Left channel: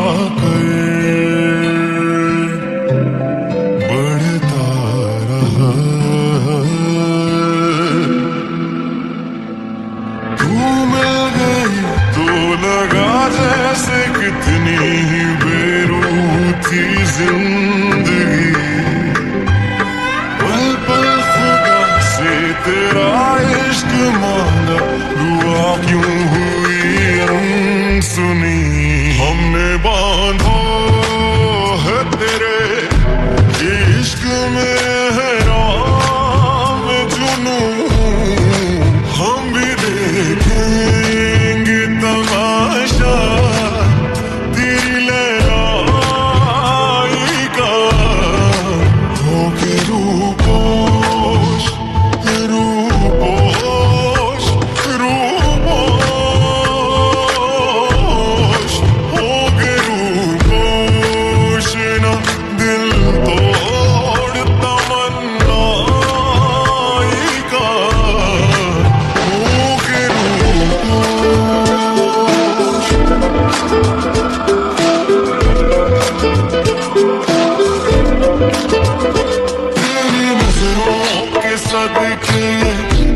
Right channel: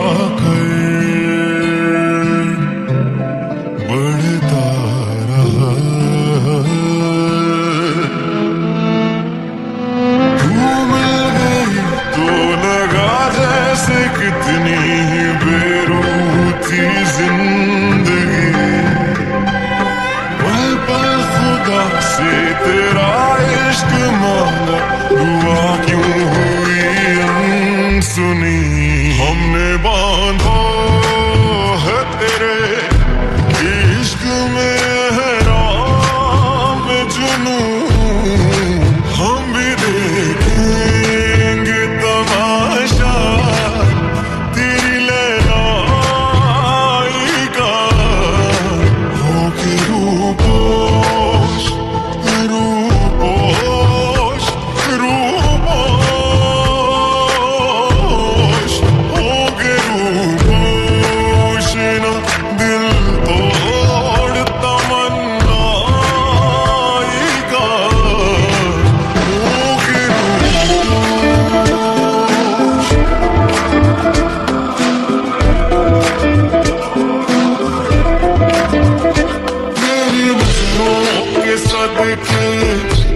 आकर बढ़ता रहा। तू मिल गई तो लगा जैसे कितनी ही बेरूह थी जिंदगी। पल पल खुदा से तेरा इश्क मांगा, दुआ क्यों हुई अनसुनी। हमने बांधा है तेरे इश्क में एहराम जुनूं, हम भी देखेंगे तमाशा तेरी लैलाई का। होके रूपोश रूपोश रूपोश, होके रूपोश ना दिल तोड़ तमन्नाई का। होके रूपोश। तेरी नजरों के सदके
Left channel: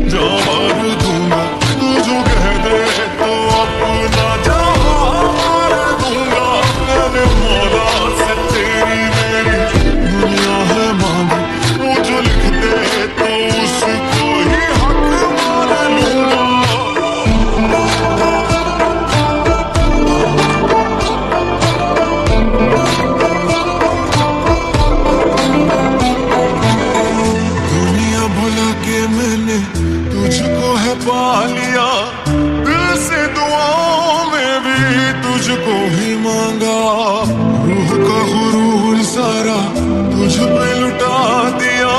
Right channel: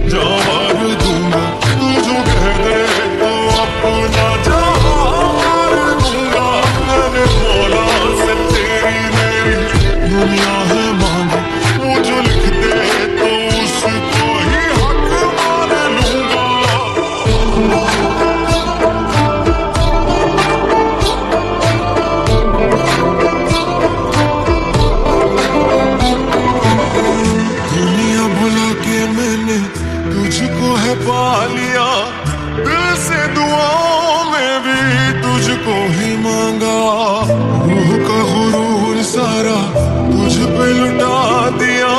जान मार दूंगा, तू जो कह दे तो अपना जान मार दूंगा। मैंने मौला से तेरी मेरी दुनिया है मांगी, वो जो लिख दे तो उसको ही हक मान लूंगा। दुनिया भुला के मैंने तुझको है पा लिया, दिल से दुआओं में भी तुझको ही मांगा। रूह का गुरूर सारा तुझ पे लुटा दिया,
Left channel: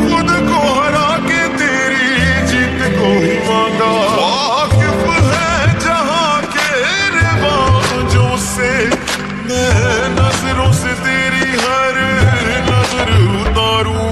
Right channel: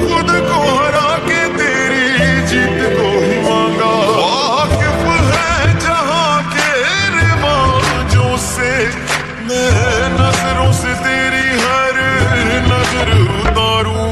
खुद को हरा के तेरी जीत को ही मांगा। वाकिफ है जहां के रिवाजों से, मैं नजरों से तेरी हर नजर उतारूं।